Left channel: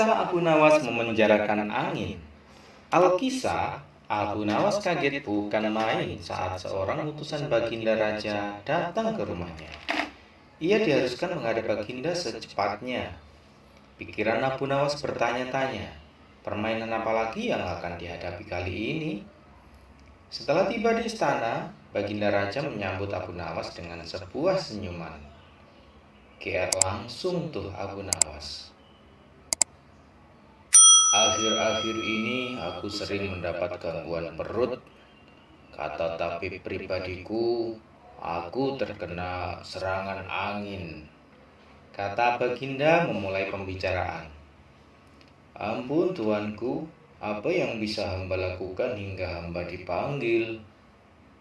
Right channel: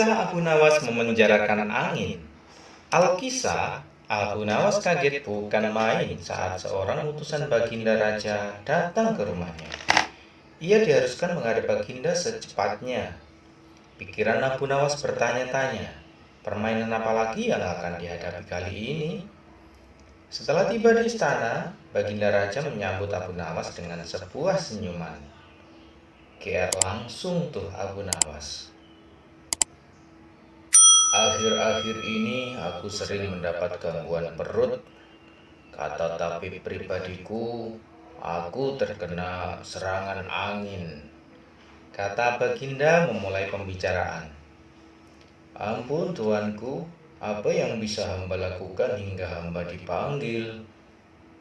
Kisah Abu Nawas memenjarakan angin. Alkisah, Abu Nawas kaget bukan main saat seorang utusan Baginda Raja datang ke rumahnya. Ia diharuskan menghadap Baginda secepatnya. Pikiran Abu Nawas bertanya-tanya, permainan apa lagi yang akan dihadapi kali ini? Setelah tiba di istana, Baginda Raja menyambut Abu Nawas dengan sebuah senyuman. GR langsung tuh Abu Nawas. Akhir-akhir ini aku sering mendapat gangguan perut. Kata tabib pribadiku, aku terkena serangan angin. Kata Baginda memulai pembicaraan. Ampun tuanku, apa yang bisa hamba lakukan hingga hamba dipanggil?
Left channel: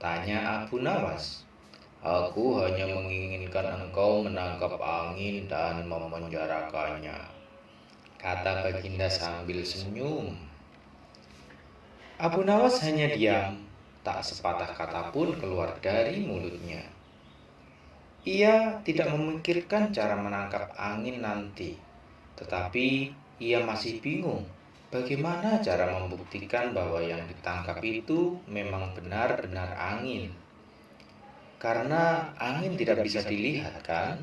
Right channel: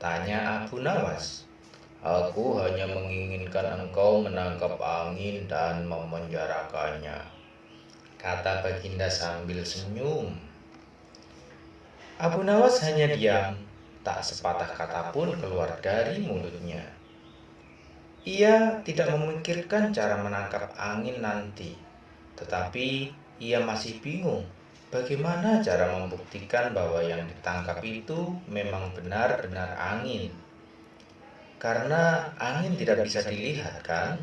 Tanya Abu Nawas. Aku hanya menginginkan engkau menangkap angin dan memenjarakannya, kata Baginda sambil senyum. Abu Nawas hanya diam, tak sepatah kata pun keluar dari mulutnya. Ia tidak memikirkan cara menangkap angin nanti, tetapi ia masih bingung bagaimana cara membuktikan bahwa yang ditangkap itu memang benar-benar angin. Karena angin tidak bisa dilihat, kan?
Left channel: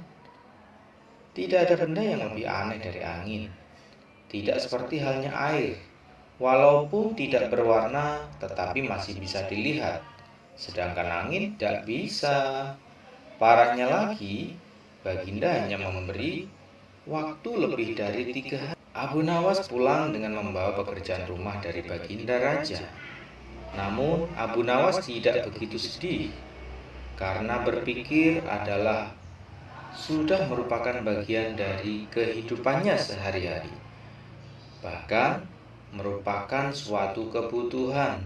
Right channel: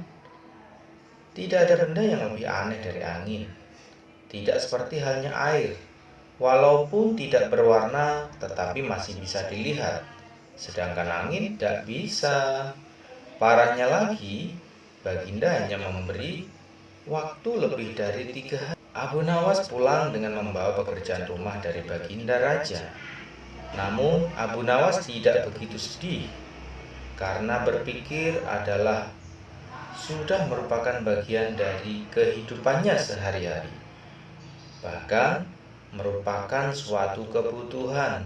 Tidak ada benda yang lebih aneh dari angin. Tidak seperti halnya air, walaupun tidak berwarna tetapi masih bisa dilihat. Sedangkan angin tidak bisa. Parahnya lagi, Baginda hanya memberi waktu lebih dari 3 hari. Abu Nawas pulang dengan membawa pekerjaan rumah dari Baginda Raja. Namun Abu Nawas tidak begitu sedih, karena berpikir adalah sudah merupakan bagian dari kehidupannya sehari-hari. Bahkan merupakan suatu kebutuhan.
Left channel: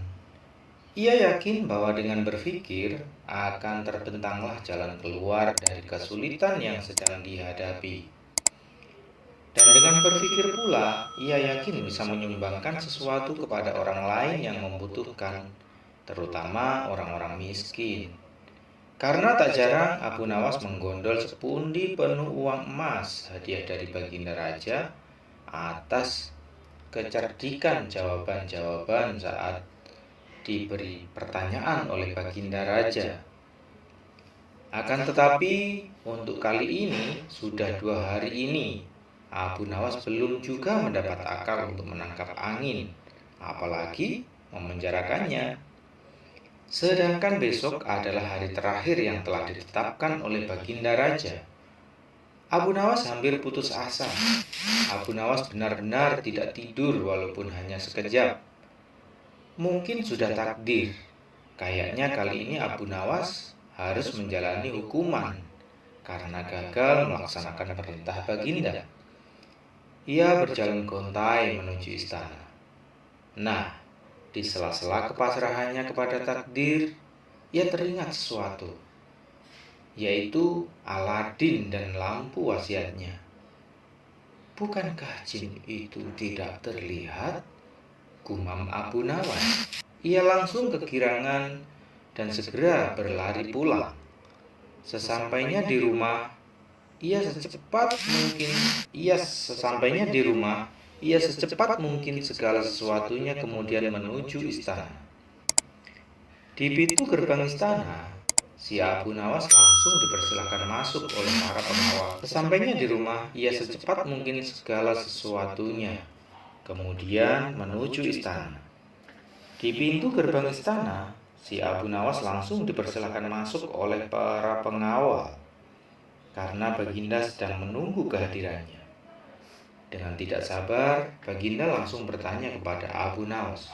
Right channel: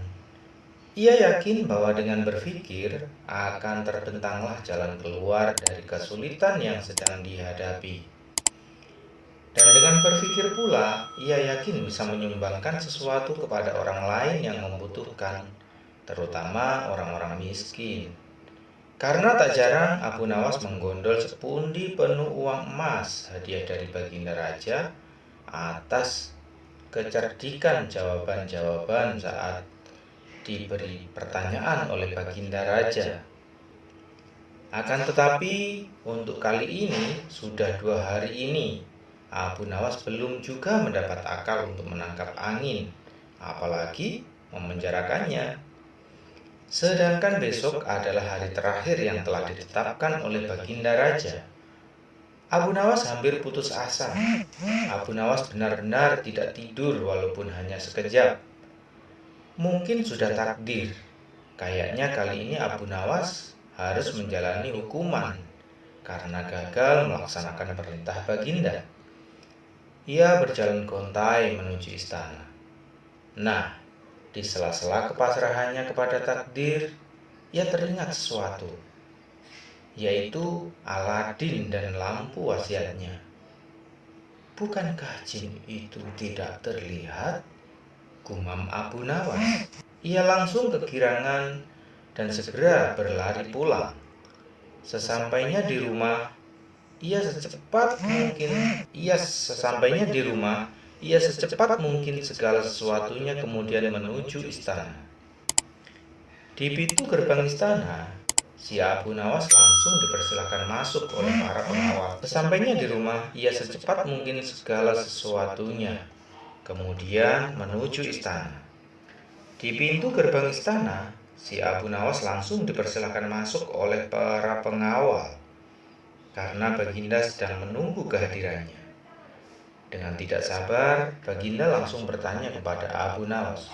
Ia yakin bahwa dengan berpikir akan terbentanglah jalan keluar dari kesulitan yang sedang dihadapi. Dan dengan berpikir pula, ia yakin bisa menyumbangkan sesuatu kepada orang lain yang membutuhkan, terutama orang-orang miskin. Karena tak jarang Abu Nawas menggondol sepundi penuh uang emas hadiah dari Baginda Raja atas kecerdikan jawaban-jawaban saat diberi pertanyaan oleh Baginda Raja. Akan tetapi untuk kali ini sudah 2 hari ini Abu Nawas belum juga mendapat akal untuk menangkap angin, apalagi memenjarakannya. Sedangkan besok adalah hari terakhir yang telah ditetapkan oleh Baginda Raja. Abu Nawas hampir putus asa. Abu Nawas benar-benar tidak tidur walaupun hanya sekejap. Mungkin sudah takdir. Kayaknya kali ini Abu Nawas harus menjalani hukuman karena gagal melaksanakan perintah Baginda. Ia berjalan gontai menuju istana. Nah, di sela-sela kepasrahannya kepada takdir, ia teringat sesuatu, yaitu Aladin dan lampu wasiatnya. Bukankah jin itu tidak terlihat? Gumam Abu Nawas. Ia langsung kegirangan dan segera berlari pulang. Sesampainya di rumah, ia secepat mungkin segala sesuatunya kemudian menuju istana. Di pintu gerbang istana, si Abu Nawas langsung dipersilahkan masuk oleh para pengawal. Sesampainya di rumah, ia secepat mungkin segala sesuatunya kemudian menuju istana. Di pintu gerbang istana, si Abu Nawas langsung dipersilahkan masuk oleh para pengawal karena Baginda sedang menunggu kehadirannya. Dengan tidak sabar, Baginda langsung bertanya kepada Abu Nawas.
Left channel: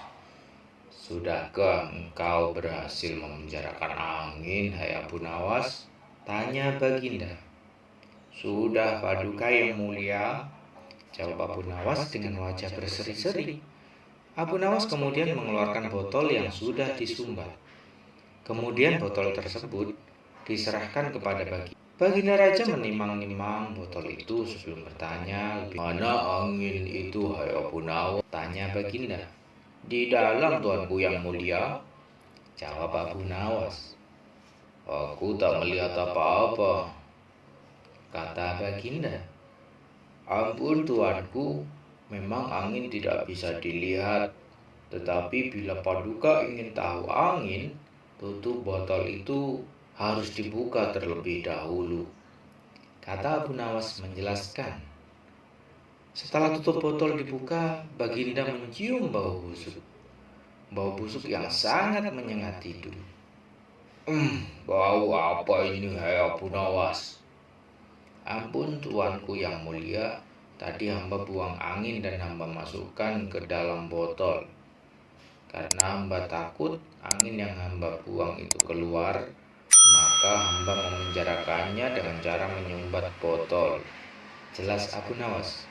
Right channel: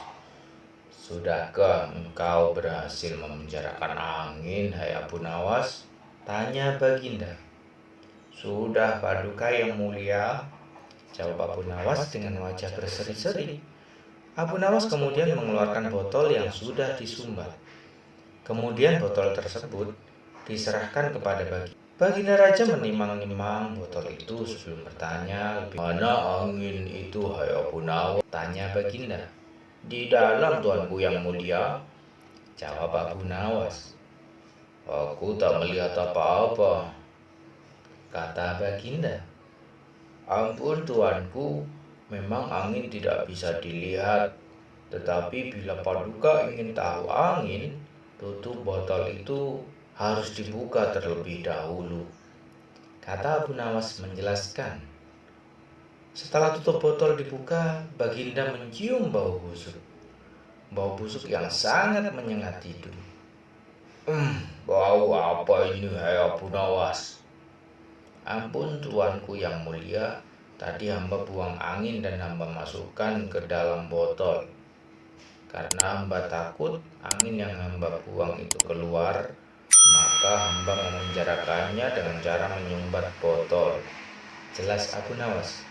Sudahkah engkau berhasil memenjarakan angin, hai Abu Nawas? Tanya Baginda. Sudah, Paduka yang mulia, jawab Abu Nawas dengan wajah berseri-seri. Abu Nawas kemudian mengeluarkan botol yang sudah disumbat. Kemudian botol tersebut diserahkan kepada Baginda. Baginda Raja menimang-nimang botol itu sebelum bertanya, mana angin itu, hai Abu Nawas? Tanya Baginda. Di dalam tuanku yang mulia, jawab Abu Nawas. Aku tak melihat apa-apa, kata Baginda. Ampun tuanku, Memang angin tidak bisa dilihat, tetapi bila Paduka ingin tahu angin, tutup botol itu harus dibuka terlebih dahulu, kata Abu Nawas menjelaskan. Setelah tutup botol dibuka, Baginda mencium bau busuk. Bau busuk yang sangat menyengat hidung. Bau apa ini, hai Abu Nawas? Ampun tuanku yang mulia, tadi hamba buang angin dan hamba masukkan ke dalam botol. Karena hamba takut angin yang hamba buang itu keluar, maka hamba memenjarakannya dengan cara menyumbat botol. Jelas Abu Nawas.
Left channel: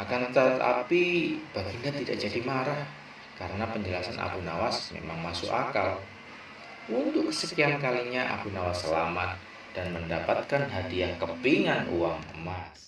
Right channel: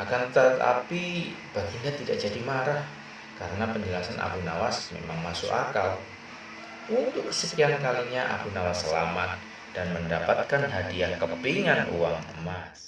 Akan tetapi Baginda tidak jadi marah karena penjelasan Abu Nawas memang masuk akal. Untuk kesekian kalinya Abu Nawas selamat dan mendapatkan hadiah kepingan uang emas.